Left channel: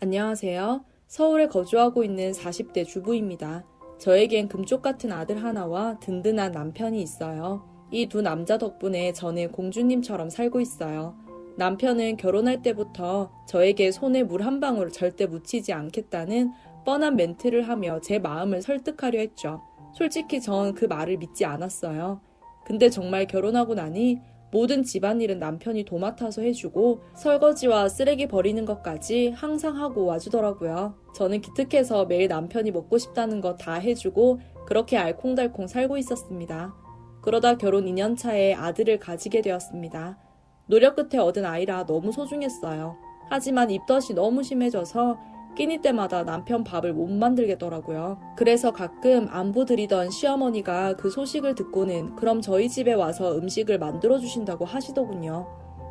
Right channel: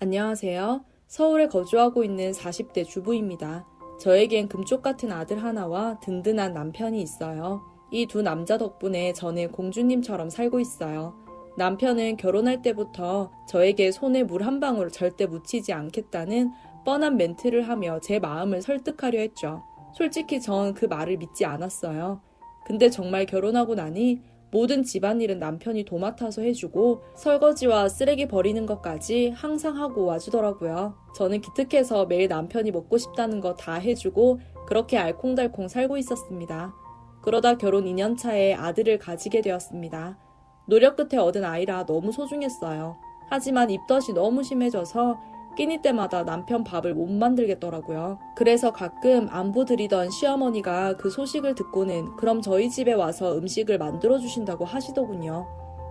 안녕하세요. 서울에 거주하고 있는 40대 주부입니다. 저에겐 금쪽 같은 아들 하나와 든든한 남편이 있어요. 이 두 남자 덕분에 저는 공주님처럼 살고 있어요. 남편은 결혼할 때부터 저에게 손에 물 한 방울 절대 묻히지 않겠다는 뻔한 멘트를 하며 제 마음을 설득하려 했죠. 솔직히 전 그 말을 믿지 않았어요. 근데 정말 결혼하고 나니 모든 집안일은 남편이 도맡아서 해주고 설거지와 쓰레기 버리는 것까지 항상 하고 와주더라고요. 저는 기특해서 매일 남편이 먹고 싶다는 거 다 해주고 그렇게 알콩달콩 살고 있었습니다. 그러다 결혼 2년 차에 아들을 가지게 되었습니다. 노력 끝에 얻은 아이라 너무 소중했어요. 하지만 입덧이 너무 심해져서 끼니 때마다 남편 밥을 못 만들겠더라고요. 그래서 가끔 안부 드리던 시어머니가 그 소식을 듣고는 그럼 저희 집에 와서 음식을 만들어주신다고 하시더군요.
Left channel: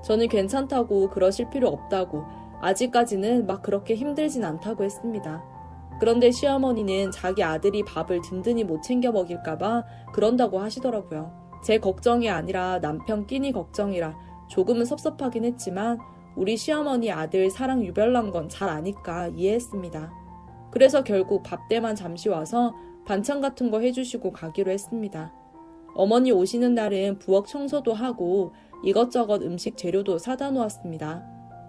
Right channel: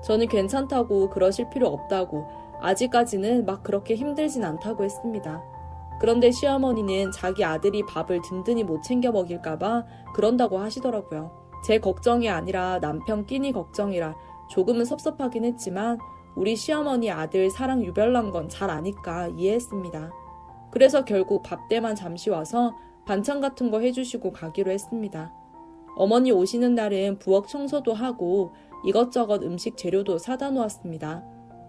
저는 괜찮다고 그러실 필요 없다고 아직까지는 막 그렇게 힘들진 않다고 했습니다. 그런데 시어머니는 자기 아들이 밥을 든든히 못 챙겨 먹일까봐 그런다고 하시더라고요. 제 걱정이 아니라 남편 끼니 걱정이라 조금은 섭섭하긴 했지만 우리 시어머니 아들 사랑 유별난 건 잘 아니까 이해했습니다. 그래서 결국 밥 때만 잠시 와서 반찬 같은 거 해주시고 가기로 했습니다. 어머니 오시는 날은 부엌 청소도 하고 이것저것 음식 재료도 사다 놓았습니다.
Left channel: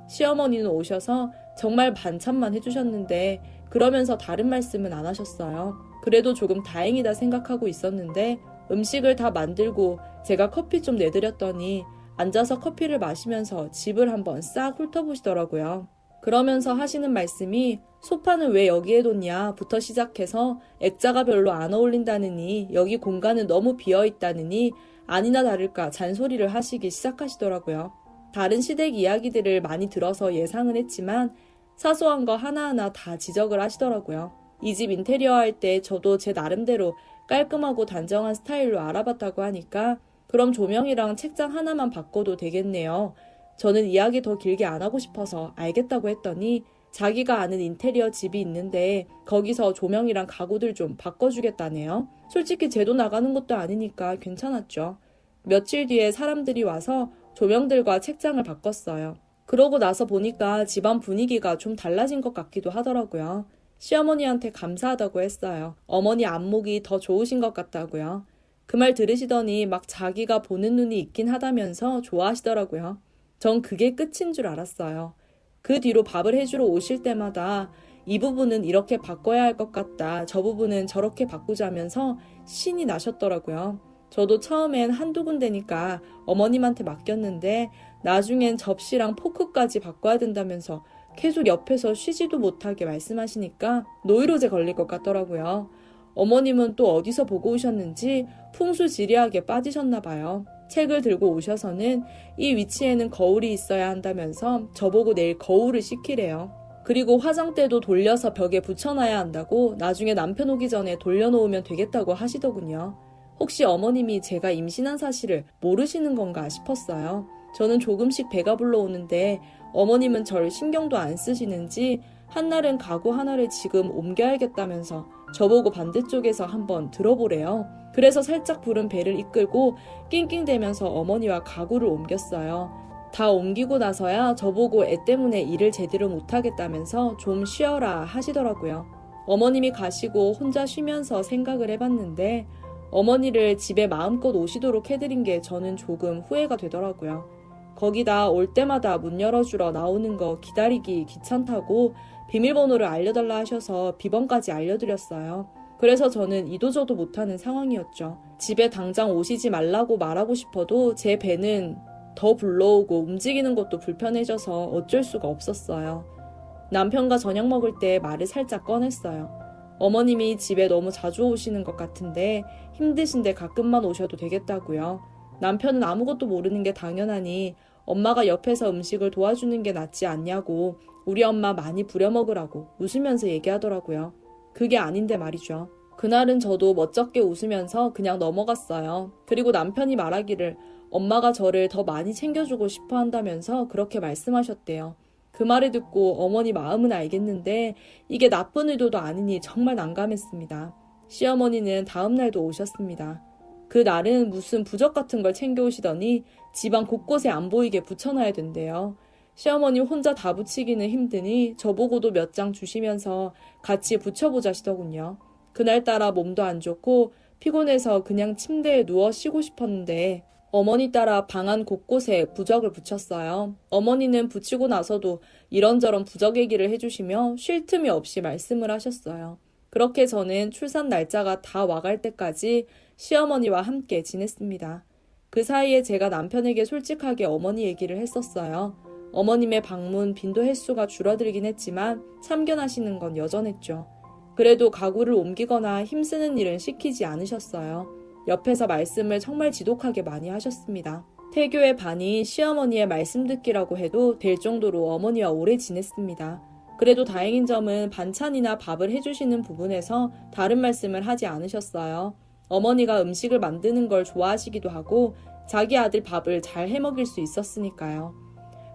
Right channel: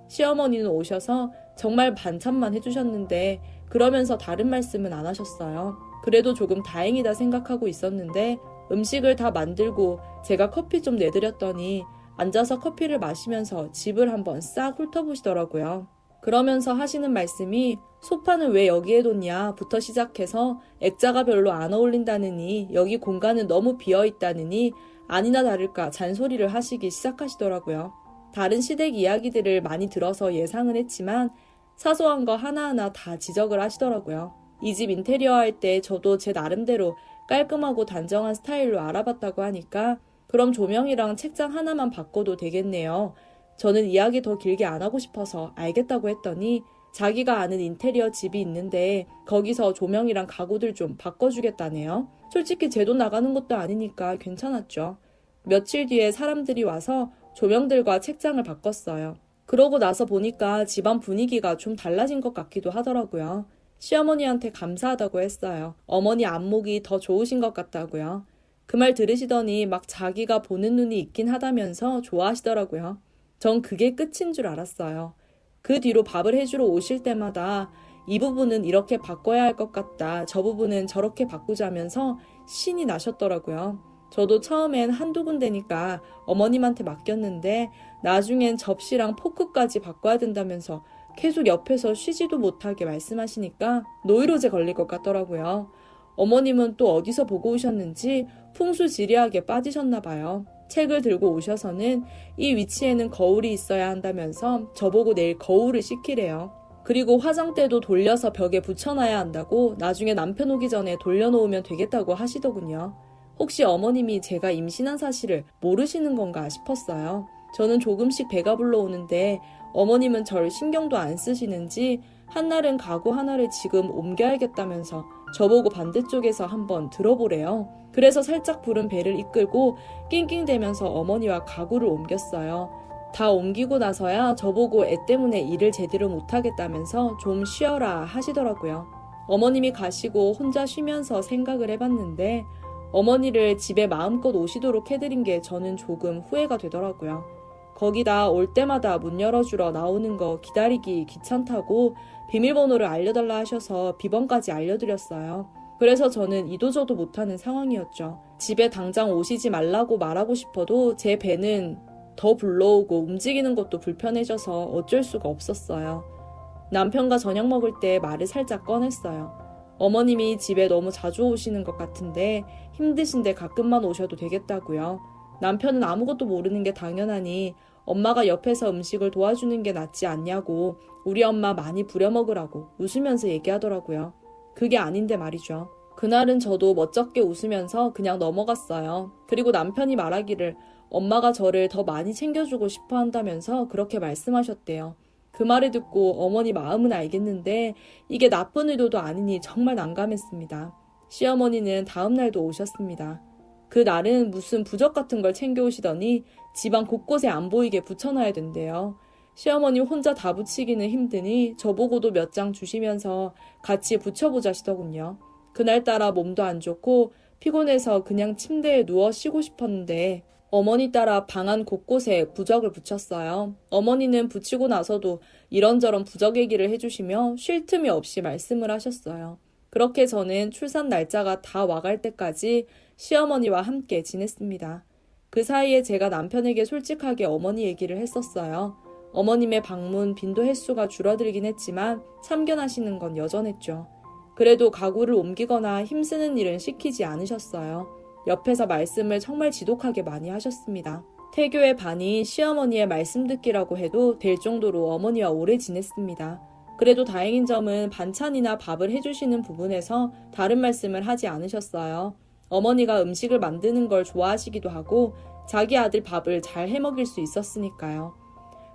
시어머니는 오셔서 정말 반찬만 해주셨는데 그러면서 다른 말씀은 안 하셨어요. 그래도 조금 다행이다 생각하고 있었는데 음식을 다 만들고 제가 커피 좀 내드렸더니 앉아서 커피를 마시면서 집을 한번 싹 훑어보시더라고요. 그러면서 하시는 말씀이 소파는 왜 여기에 뒀냐 부터 시작해서 액자가 별로 안 어울린다느니 여기 공간은 너무 비어있다느니 아니나 다를까 잔소리를 하시기 시작하시더라고요. 다른 시댁 이야기들을 많이 들어서 예상은 했지만 사소한 거 하나하나 다 지적을 하시더라고요. 이 집 인테리어 할 때 저도 제 나름대로 깔끔하고 단정한 스타일로 알아봤다고 하니까 그럼 조명이랑 책장 하나만 바꿔도 되겠네요. 저는 이야기 더 길게 안 하고 싶어서 알겠다고 했더니 자기가 아는 인테리어 집이 있는데 거기서 조명이랑 가구들 좀 바꿔주겠다네요. 솔직히 제 돈 나가는 것도 아니니까 괜찮았죠. 며칠 뒤에 사람들이 와서 조명들과 책장을 바꿨어요. 그러고 나서 보니까 집안 분위기가 좀 달라진 것 같기도 하더라고요. 시어머니한테 감사하다고 했어요. 어머니 안목이 더 좋으신 것 같다고요. 그 말 들으시더니 막 자기가 보는 눈이 있긴 하다면서 좋아하시더라고요. 전 그게 끝인 줄 알았어요. 그 뒤로 밥을 해주러 오실 때마다 이 부분은 이렇게 바꿔야 할 것 같다. 저 부분은 저렇게 바꾸자면서 신이 나셨더라고요. 저도 처음엔 한두 군데니까 어머님한테 맡겼는데 나중엔 접시랑 포크까지 바꿔야 된다면서 계속 옆에서 쉬지도 못하게 말씀하시니까 노이로제 걸릴 것 같더라고요. 어머님은 또 어디서 보고 오셨는지 풍수지리하게 빠지셨나 봐요. 책을 들고 오셔서는 이 위치에는 거울이 있어야 한다면서 저보고 내일 거울을 씻기래요. 그리고 화장대도 돌려서 벽에 붙여놔야 한다고 나중에 남편 오기 전에 돌려놓으면 되겠다고 하시더군요. 혹시 어머님이 제가 임신한 사실을 모르시는 건가 싶었어요. 저는 조금씩 배가 불러오는데 어머님은 절 신경도 안 쓰시는지 한날은 가구 하나를 지금 옮겨야겠다면서 저보고 반대쪽에서 한번 들어보래요. 그래서 살짝 부른 배를 이끌고 낑낑대면서 어머니와 가구를 옮겼어요. 다 옮기고 나서야 저보고 애 때문에 일을 제대로 못하겠다면서 좀 쉬어라 하시더라고요. 어머님이 가시고 혼자 쉬면서 생각을 해봤는데 어머니를 집에 마음껏 오시도록 해드린 게 저는 조금 후회가 되더라고요. 거기다 올 때마다 문 열어주러 나오는 거 기다리기 귀찮다고 비밀번호를 알려달라 하셔서 비번까지 알려드렸어요. 그래서 저는 이도저도 못하는 상황이었죠. 집에 당장 오시지 말라고 말하고 싶어도 제 배는 더 불러오고 움직이는 것도 불편해져서 어쩔 수가 없었어요. 남편과 저녁 먹을 때 말을 살짝 꺼냈어요. 어머님이 집에 너무 자주 오시는 것 같은데 힘드신데 가끔만 오셔도 되겠다고요. 남편은 아무것도 모르는 게 당연하니 엄마가 옆에서 음식을 도와주는 게 낫지 않냐고 우리 엄마 많이 부려먹으라고 웃으면서 얘기하더라고요. 그게 아닌데 말이죠. 그날은 저도 멋쩍게 웃으면서 그냥 넘어갔어요. 그리고 남편이 말하기를 엄마가 저를 더 많이 챙겨주고 싶어 한다면서 그렇게 말씀하셨대요. 그 말을 듣고 어머니 마음은 알겠는데 이게 나쁜 의도도 아니니 정말 난감했습니다. 시어머니는 다음날도 오셨습니다. 그 날은 무슨 부적 같은 걸 챙겨오시더니 집안 곳곳에 안 보이게 붙여놔야 된대요. 시어머니 혼자 다 붙이기는 힘드니 저보고도 몇 장 주시면서 같이 붙여보자시더군요. 그날따라 몸도 안 좋고 피곤해서 그냥 침대에 누워 쉬고 싶었는데 어머니 따라 방 안 곳곳에 부적을 붙였어요. 어머니는 붙이고 나서도 이런저런 부적 얘기를 해주시며 쉴 틈이 없이 말씀을 하셨어요. 그렇게 저는 출산 날짜가 다 와갈 때까지 시어머니와 함께 지냈습니다. 그 사이에 제가 남편에게 솔직하게 어머니 얘기를 했었어요. 어머님의 방문 빈도 횟수가 줄어들긴 했지만 참견하시는 건 여전했죠. 그래도 가구를 옮기거나 힘쓰는 일은 시키지 않으셨어요. 옆에서 말씀을 정말 지독하게 많이 하셨습니다. 태교의 반이 시어머니의 말씀 듣기라고 해도 될 정도로 어머니와 오래 지냈습니다. 그래도 다행인 점은 반찬이나 밥을 해주시는 부분에서 다른 말씀을 하지 않으셨어요. 어머니가 음식을 만드는 걸 좋아하시기도 하고 자기 아들 밥을 잘 해먹일 수 있었으니까요.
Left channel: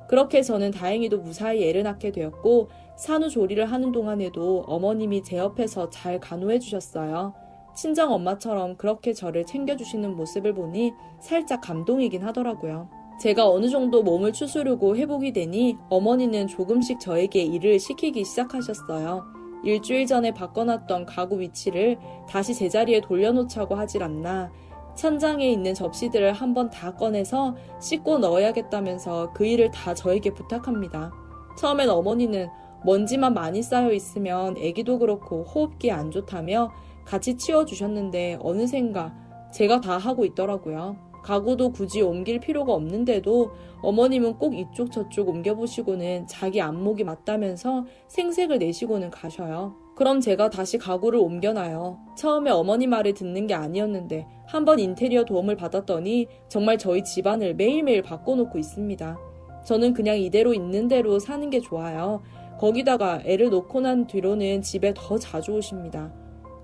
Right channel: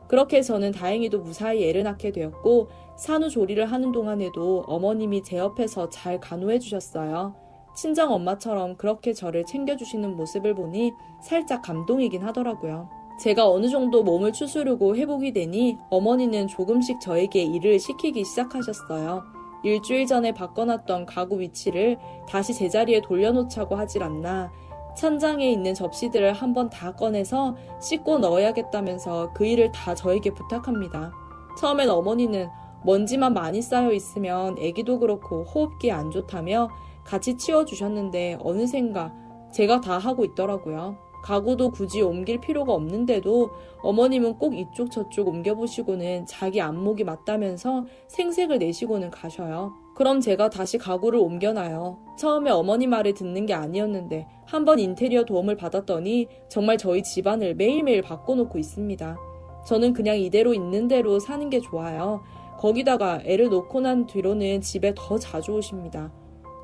그렇게 저는 다행히도 무사히 애를 낳게 되었고 산후조리를 하는 동안에도 어머님이 제 옆에서 잘 간호해 주셨어요. 친정 엄마처럼 그렇게 저를 챙겨주시는 모습을 보니 살짝 감동이긴 하더라고요. 제가 어느 정도 몸을 추스르고 회복이 되니 어머니는 조금씩 저에게 일을 시키기 시작하셨어요. 일주일 전에 바꿔놨던 가구 위치를 다시 제자리에 돌려놓자고 하질 않나 천장에 있는 접시들을 한번 다 꺼내서 씻고 넣어야겠다면서 그 일을 다 저에게 부탁합니다. 처음엔 어머니는 먼지만 많이 쌓여 있으면 애기도 그렇고 호흡기 안 좋다며 같이 치워주셨는데 어느샌가 제가 다 하고 있더라고요. 가구도 굳이 옮길 필요가 없는데도 어머님은 꼭 이쪽 저쪽 옮겨보시고는 자기 안목이 맞다면서 생색을 내시고는 가셔요. 그럼 제가 다시 가구를 옮겨놔요. 처음에 어머니 말을 듣는 게 아니었는데 한번 인테리어 도움을 받았더니 정말 저희 집안을 매일매일 바꿔놓고 있습니다. 저는 그냥 이대로 있는 대로 사는 게 좋아요. 거기다가 애를 놓고 난 뒤로는 집에 더 자주 오십니다.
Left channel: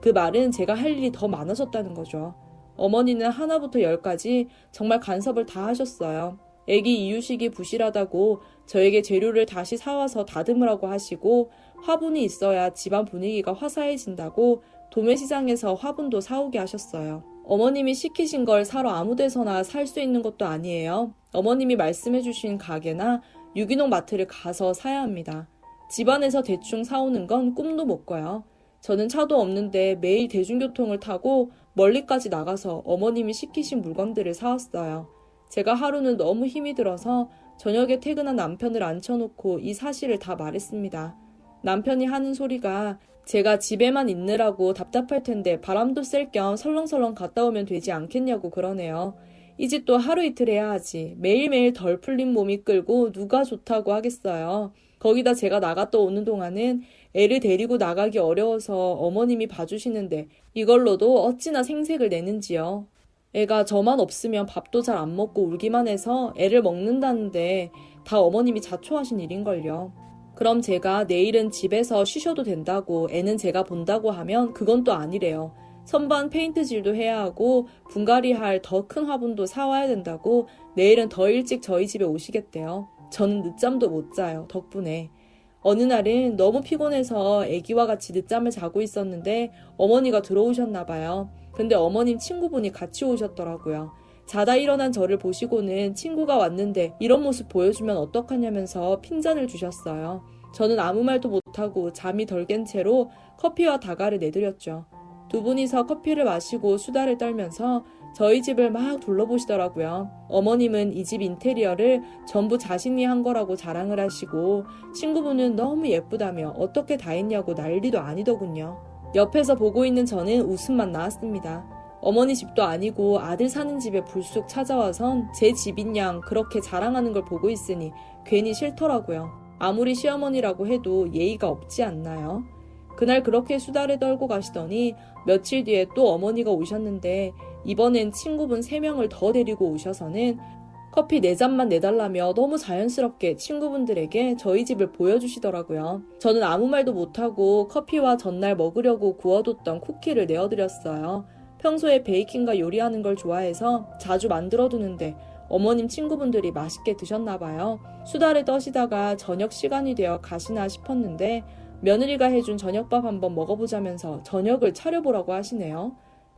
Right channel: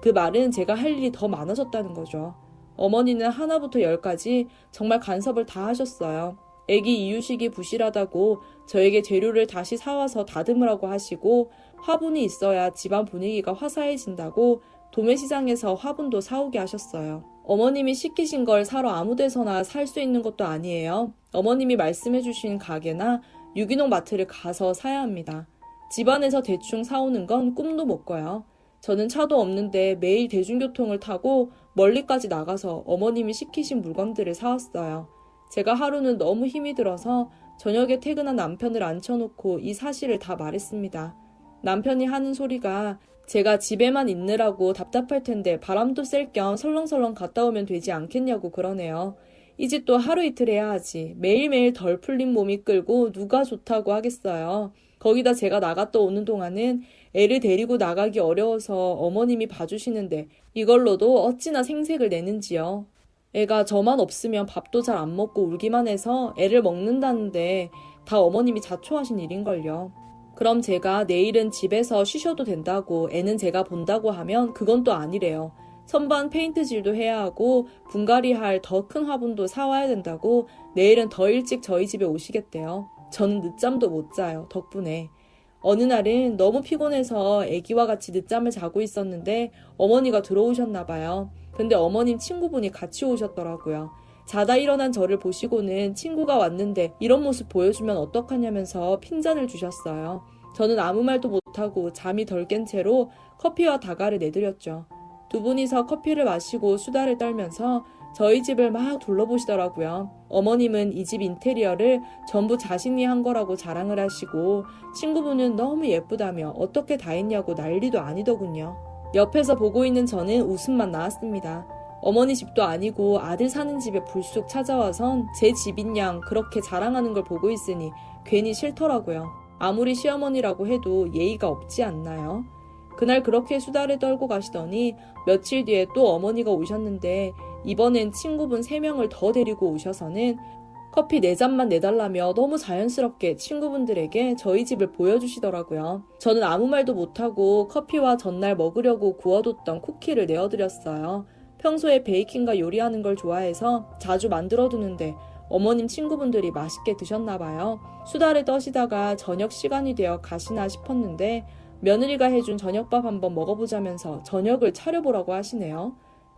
그 말은 제가 할 일이 더 많아졌다는 거죠. 어머니는 하나부터 열까지 정말 간섭을 다 하셨어요. 애기 이유식이 부실하다고 저에게 재료를 다시 사와서 다듬으라고 하시고 화분이 있어야 집안 분위기가 화사해진다고 도매시장에서 화분도 사오게 하셨어요. 어머님이 시키신 걸 사러 아무 데서나 살 수 있는 것도 아니에요. 어머님이 말씀해주신 가게나 유기농 마트를 가서 사야 합니다. 집안에서 대충 사오는 건 꿈도 못 꿔요. 저는 차도 없는데 매일 대중교통을 타고 멀리까지 나가서 어머님이 시키신 물건들을 사왔어요. 제가 하루는 너무 힘이 들어서 저녁에 퇴근한 남편을 앉혀놓고 이 사실을 다 말했습니다. 남편이 하는 소리가 제가 집에만 있느라고 답답할 텐데 바람도 쐴 겸 설렁설렁 갔다 오면 되지 않겠냐고 그러네요. 이 집도 하루 이틀 해야 하지. 매일매일 덜 풀린 몸이 끌고 누가 좋다고 하겠어요. 거기다 제가 나갔다 오는 동안은 애를 데리고 나가기 어려워서 어머님이 봐주시는데 이걸로도 어찌나 생색을 내는지요. 애가 저만 없으면 밥도 잘 안 먹고 울기만 해서 애를 먹는다는데 다 어머님이 자초하신 일인걸요. 그럼 제가 내일은 집에서 쉬셔도 된다고 애는 제가 본다고 하면 그건 또 아니래요. 선반 페인트질도 해야 하고 분갈이 할 더 큰 화분도 사와야 된다고 내일은 더 일찍 저희 집에 오시겠대요. 저는 늦잠도 못 자요. 덕분에. 어느 날은 너무 피곤해서 애기와 같이 늦잠을 자고 있었는데 어머니가 들어오셨나 봐요. 근데 어머님 친구분이 같이 오셨더라고요. 자다 일어난 저를 보시고는 친구가 왔는데 이런 모습 보여주면 어떡하냐면서 핀잔을 주셨어요. 저는 아무 말도 못하고 잠이 덜 깬 채로 커피와 다가를 내드렸죠. 두 분이서 커피를 마시고 수다를 떨면서 저희 집을 막 둘러보시더라고요. 어머님은 이 집 인테리어를 전부 자신이 한 거라고 자랑을 하시고 친구분은 너무 예쁘다며 어떻게 다 했냐고 난리도 아니더군요. 옆에서 보고 있는 저는 웃음만 나왔습니다. 어머니 집도 아니고 아들 사는 집에 불쑥 찾아와선 제 집인 양 그렇게 자랑하는 걸 보고 있으니 괜히 싫더라고요. 아무리 시어머니라고 해도 예의가 없지 않나요? 그날 그렇게 수다를 떨고 가시더니 며칠 뒤에 또 어머니가 오셨는데 이번엔 친구분 3명을 더 데리고 오셔서는 커피 4잔만 내달라며 너무 자연스럽게 친구분들에게 저희 집을 보여주시더라고요. 저는 아무 말도 못하고 커피와 전날 먹으려고 구워뒀던 쿠키를 내어드렸어요. 평소에 베이킹과 요리하는 걸 좋아해서 자주 만들어두는데 어머님 친구분들이 맛있게 드셨나봐요. 수다를 떠시다가 저녁 시간이 되어 가시나 싶었는데 며느리가 해준 저녁밥 한번 먹어보자면서 저녁을 차려보라고 하시네요.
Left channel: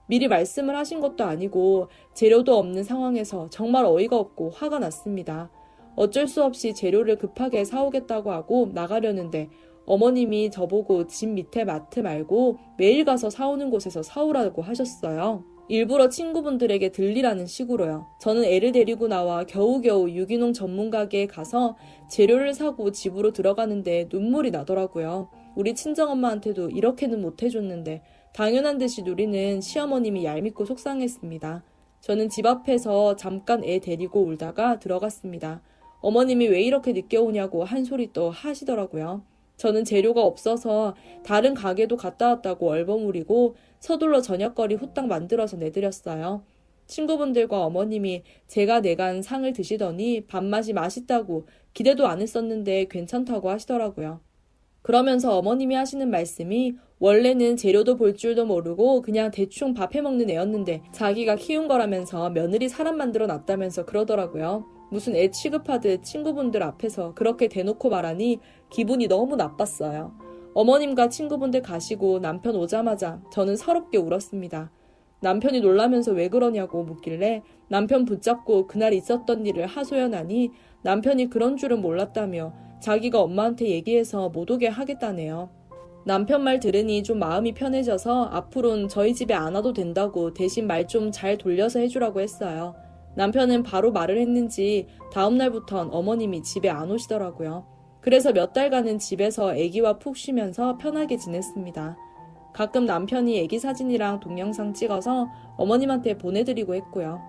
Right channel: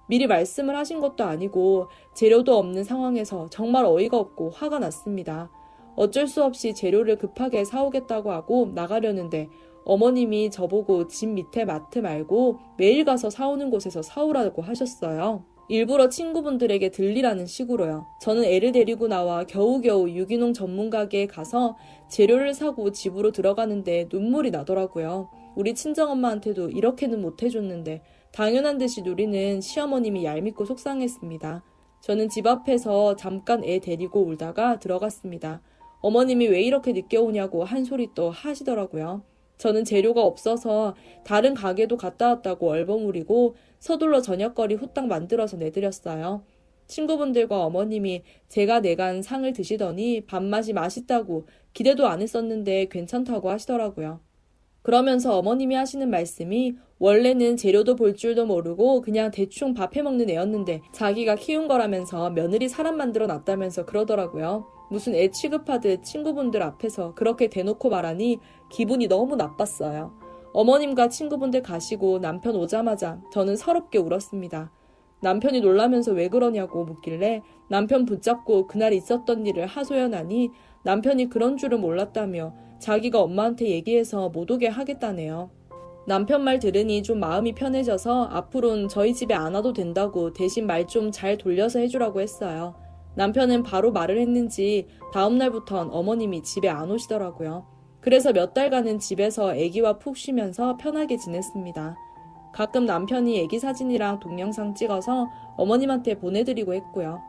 미리 말씀을 하신 것도 아니고 재료도 없는 상황에서 정말 어이가 없고 화가 났습니다. 어쩔 수 없이 재료를 급하게 사오겠다고 하고 나가려는데 어머님이 저보고 집 밑에 마트 말고 매일 가서 사오는 곳에서 사오라고 하셨어요. 일부러 친구분들에게 들리라는 식으로요. 저는 애를 데리고 나와 겨우겨우 유기농 전문 가게에 가서 재료를 사고 집으로 들어가는데 눈물이 나더라고요. 우리 친정엄마한테도 이렇게는 못 해줬는데 당연한 듯이 누리는 시어머님이 얄밉고 속상했습니다. 저는 집 앞에서 잠깐 애 데리고 울다가 들어갔습니다. 어머님이 왜 이렇게 늦게 오냐고 한 소리 또 하시더라고요. 저는 재료가 없어서 다른 가게도 갔다 왔다고 얼버무리고 서둘러 저녁거리 후딱 만들어서 내드렸어요. 친구분들과 어머님이 제가 내간 상을 드시더니 밥맛이 맛있다고 기대도 안 했었는데 괜찮다고 하시더라고요. 그러면서 어머님이 하시는 말씀이 원래는 재료도 볼 줄도 모르고 그냥 대충 밥 해먹는 애였는데 자기가 키운 거라면서 며느리 사람 만들어 놨다면서 그러더라고요. 무슨 애 취급하듯 친구분들 앞에서 그렇게 대놓고 말하니 기분이 너무 나빴어요. 어머님과 친구분들 가시고 남편 오자마자 저는 서럽게 울었습니다. 남편이 놀라면서 왜 그러냐고 묻길래 남편 붙잡고 그날 있었던 일을 하소연하니 남편이 그런 줄은 몰랐다며 자기가 엄마한테 얘기해서 못 오게 하겠다네요. 남편 말 들으니 좀 마음이 편해져서 앞으로는 저희 집에 안 와도 된다고 대신 말 좀 잘 돌려서 해주라고 했어요. 남편은 바로 말을 했는지 다음 날부턴 어머님이 집에 안 오시더라고요. 그래서 몇 달간은 집에서 아기와 푹 쉬면서 편하게 지냈습니다. 가끔 남편이 아기 사진이랑 동영상 찍어서 어머님한테 보내드리고 했고요.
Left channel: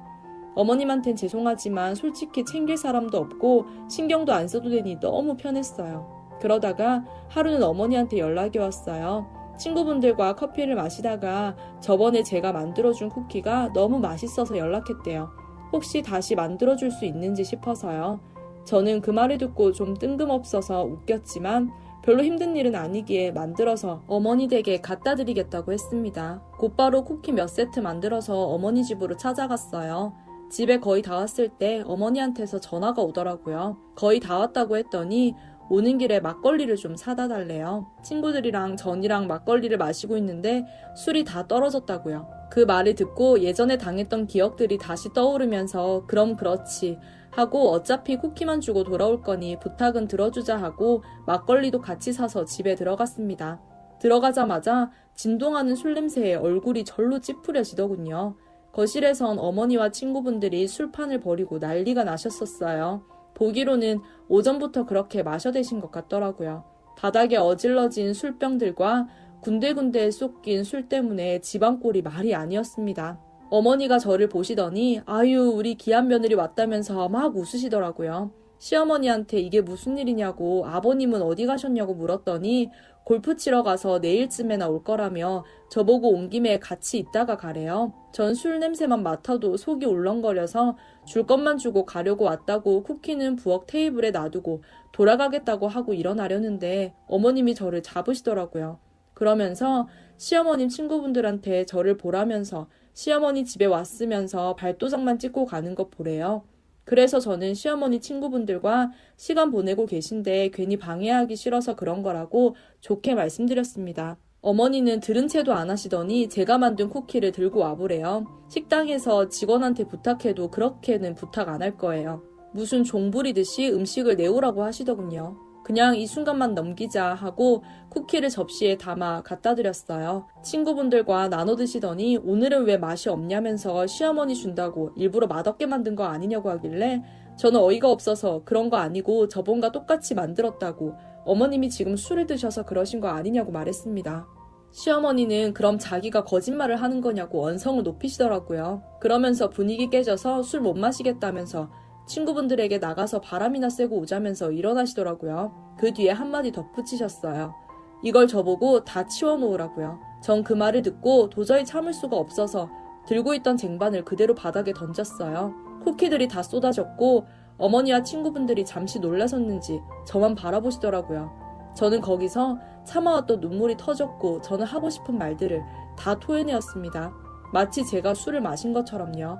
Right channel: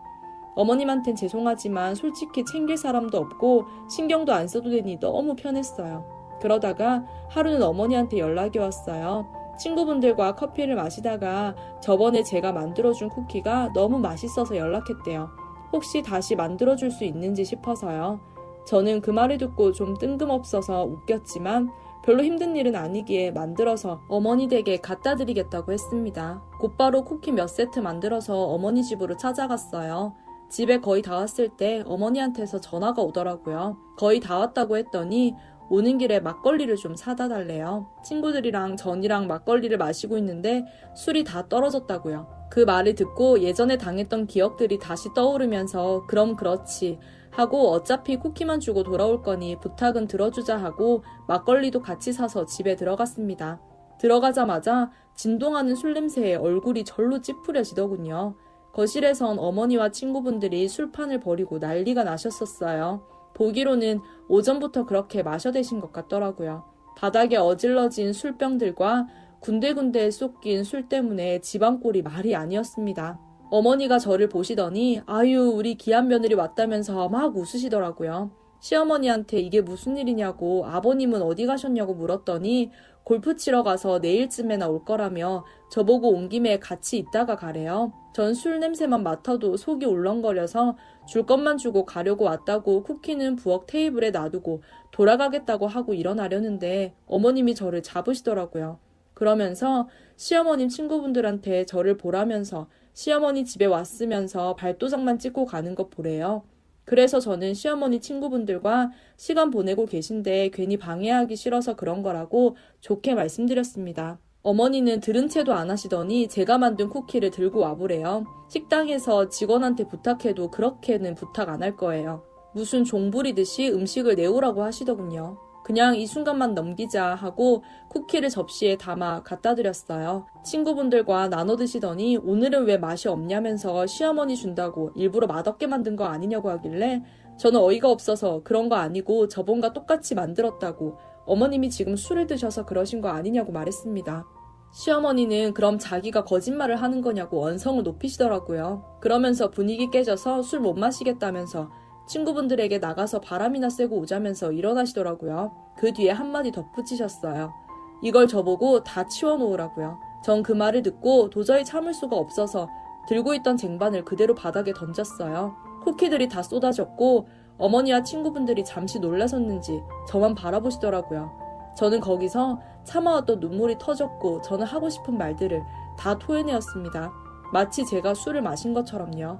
어머님한텐 죄송하지만 솔직히 챙길 사람도 없고 신경도 안 써도 되니 너무 편했어요. 그러다가 하루는 어머니한테 연락이 왔어요. 친구분들과 커피를 마시다가 저번에 제가 만들어준 쿠키가 너무 맛있어서 연락했대요. 혹시 다시 만들어줄 수 있는지 싶어서요. 저는 그 말을 듣고 좀 뜬금없어서 웃겼지만 별로 힘든 일은 아니기에 만들어서 어머니 댁에 갖다 드리겠다고 했습니다. 곧바로 쿠키 몇 세트 만들어서 어머니 집으로 찾아갔어요. 집에 거의 다 왔을 때 어머니한테서 전화가 오더라고요. 거의 다 왔다고 했더니 오는 길에 막걸리를 좀 사다 달래요. 친구들이랑 전이랑 막걸리를 마시고 있는데 술이 다 떨어졌다고요. 그 말을 듣고 예전에 당했던 기억들이 다시 떠오르면서 그럼 그렇지 하고 어차피 쿠키만 주고 돌아올 거니 부탁은 들어주자 하고 막걸리도 같이 사서 집에 들어갔습니다. 들어가자마자 진동하는 술 냄새에 얼굴이 절로 찌푸려지더군요. 거실에선 어머니와 친구분들이 술판을 벌이고 난리가 나셨었어요. 보기로는 오전부터 그렇게 마셔대신 것 같더라고요. 바닥에 어질러진 술병들과 군데군데 쏟긴 술 때문에 집안 꼴이 말이 아니었습니다. 어머니가 저를 보시더니 아유 우리 귀한 며느리 왔다면서 막 웃으시더라고요. 시어머니한테 이게 무슨 일이냐고 아버님은 어디 가셨냐고 물었더니 골프 치러 가서 내일쯤에나 올 거라며 저보고 온 김에 같이 있다가 가래요. 전 술 냄새만 맡아도 속이 울렁거려서 줄 것만 주고 가려고 왔다고 쿠키는 부엌 테이블에 놔두고 돌아가겠다고 하고 일어나려는데 어머님이 저를 잡으시더라고요. 그러면서 시어머님 친구분들한테 저를 보라면서 시어머니 집에 왔으면서 발도장만 찍고 가는 것 보래요. 그래서 저는 시어머니 친구분들과 시간 보내고 계신데 괜히 방해하기 싫어서 그런 거라고 좋게 말씀드렸습니다. 어머니는 들은 채도 안 하시더니 제가 만든 쿠키를 들고 와보래요. 식당에서 직원한테 부탁해도 그렇게는 부탁 안 할 거예요. 무슨 종 부리듯이 음식을 내오라고 하시더군요. 그냥 이 순간만 넘기자 하고 쿠키를 접시에 담아 갖다 드렸어요. 친구분들과 나눠 드시더니 오늘은 왜 맛이 없냐면서 시어머니 준다고 일부러 맛없게 만든 거 아니냐고 하길래 저는 어이가 없어서 그런 거 아니고 저번과 똑같이 만들었다고 어머님이 지금 술을 드셔서 그러신 거 아니냐고 말했습니다. 시어머니는 그럼 자기가 거짓말을 하는 거냐고 언성을 높이시더라고요. 그러면서 분위기 깨져서 술 못 마시겠다면서 친구분들에게 나가서 바람이나 쐬고 오자면서 일어나시더라고요. 그 뒤에 한마디 덧붙이셨어요. 이걸 저보고 다 치워놓으라고요. 전 그 말을 듣고 도저히 참을 수가 없어서 들고 있던 쟁반을 그대로 바닥에 던졌어요. 쿠키들이 다 쏟아졌고 어머니와 친구분들이 잠시 놀라셨는지 저만 바라보시더라고요. 저는 거기서 참아왔던 눈물이 터졌고 저는 하고 싶은 말들을 다 토해내었습니다. 마치 제가 술을 마신 것처럼요.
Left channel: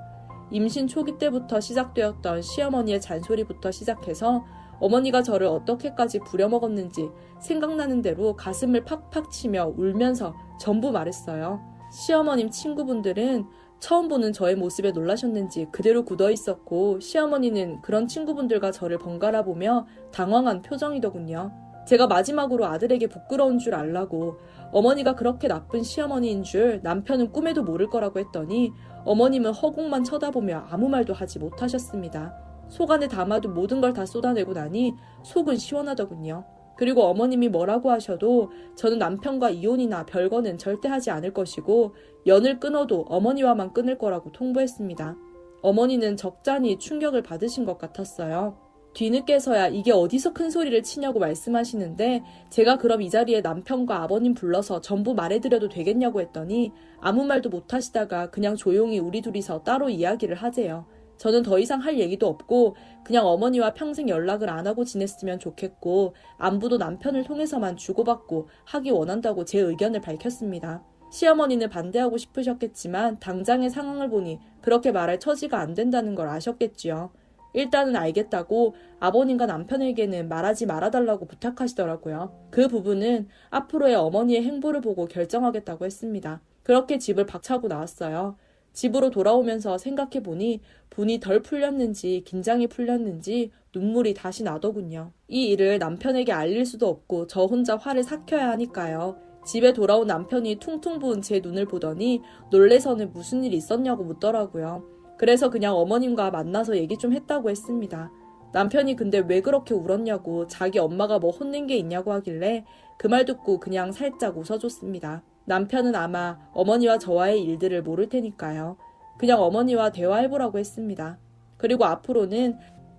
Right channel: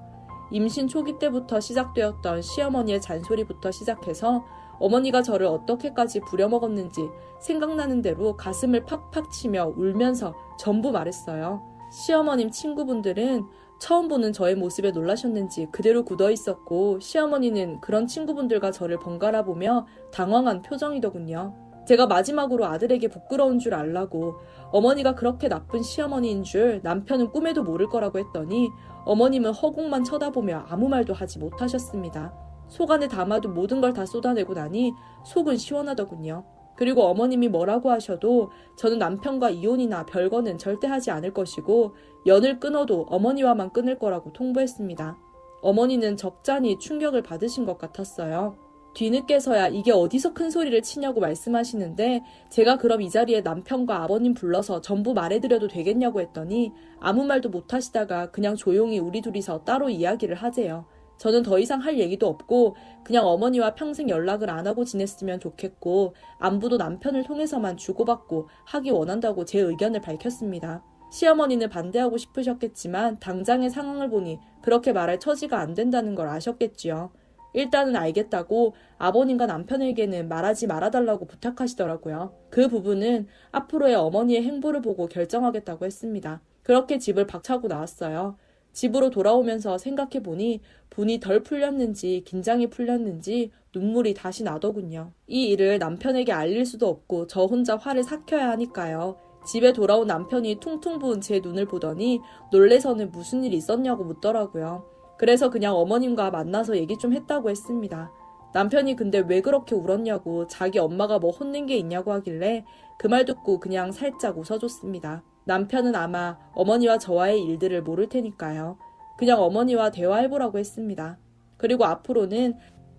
임신 초기 때부터 시작되었던 시어머니의 잔소리부터 시작해서 어머니가 저를 어떻게까지 부려먹었는지 생각나는 대로 가슴을 팍팍 치며 울면서 전부 말했어요. 시어머님 친구분들은 처음 보는 저의 모습에 놀라셨는지 그대로 굳어 있었고 시어머니는 그런 친구분들과 저를 번갈아 보며 당황한 표정이더군요. 제가 마지막으로 아들에게 부끄러운 줄 알라고 어머니가 그렇게 나쁜 시어머니인 줄 남편은 꿈에도 모를 거라고 했더니 어머님은 허공만 쳐다보며 아무 말도 하지 못하셨습니다. 속 안에 담아도 모든 걸 다 쏟아내고 나니 속은 시원하더군요. 그리고 어머님이 뭐라고 하셔도 저는 남편과 이혼이나 별거는 절대 하지 않을 것이고 연을 끊어도 어머니와만 끊을 거라고 통보했습니다. 어머니는 적잖이 충격을 받으신 것 같았어요. 뒤늦게서야 이게 어디서 큰 소리를 치냐고 말씀하시는데 제가 그럼 이 자리에 남편과 아버님 불러서 전부 말해드려도 되겠냐고 했더니 아무 말도 못하시다가 그냥 조용히 우리 둘이서 따로 이야기를 하재요. 저는 더 이상 할 얘기도 없고 그냥 어머니와 평생 연락을 안 하고 지냈으면 좋겠고 안부도 남편을 통해서만 주고받고 하기 원한다고 제 의견을 밝혔습니다. 시어머니는 반대하고 싶으셨겠지만 당장의 상황을 보니 그렇게 말할 처지가 안 된다는 걸 아셨겠지요. 일단은 알겠다고 아버님과 남편에게는 말하지 말아달라고 부탁하시더라고요. 그 부분은 앞으로의 어머니의 행보를 보고 결정하겠다고 했습니다. 그렇게 집을 박차고 나왔어요. 집으로 돌아오면서 생각해보니 분이 덜 풀렸는지 긴장이 풀렸는지 눈물이 다시 나더군요. 이 일을 남편에게 알릴 수도 없고 저 혼자 화를 삭혀야 하니까요. 집에 돌아온 남편이 퉁퉁 부은 제 눈을 보더니 놀래서는 무슨 일 있었냐고 묻더라고요. 그래서 그냥 어머님과 만나서 얘기 좀 했다고 했습니다. 남편이 근데 왜 그렇게 울었냐고 자기 엄마가 뭐 혼낸 게 있냐고 하길래 그 말 듣고 그냥 살짝 웃어줬습니다. 남편은 아마 어머니와 저와의 일들을 모를 테니까요. 그냥 어머니와 대화해보라고 했습니다. 그리고 앞으로는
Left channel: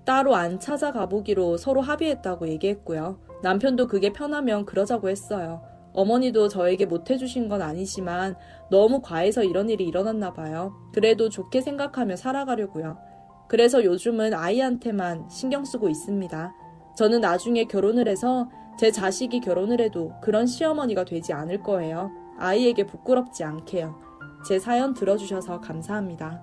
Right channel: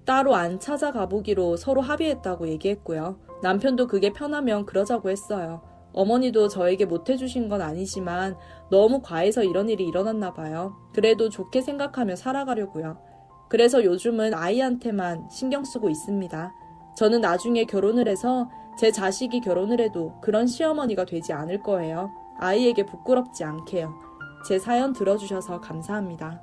따로 안 찾아가보기로 서로 합의했다고 얘기했고요. 남편도 그게 편하면 그러자고 했어요. 어머니도 저에게 못해주신 건 아니지만 너무 과해서 이런 일이 일어났나 봐요. 그래도 좋게 생각하며 살아가려고요. 그래서 요즘은 아이한테만 신경 쓰고 있습니다. 저는 나중에 결혼을 해서 제 자식이 결혼을 해도 그런 시어머니가 되지 않을 거예요. 아이에게 부끄럽지 않게요. 제 사연 들어주셔서 감사합니다.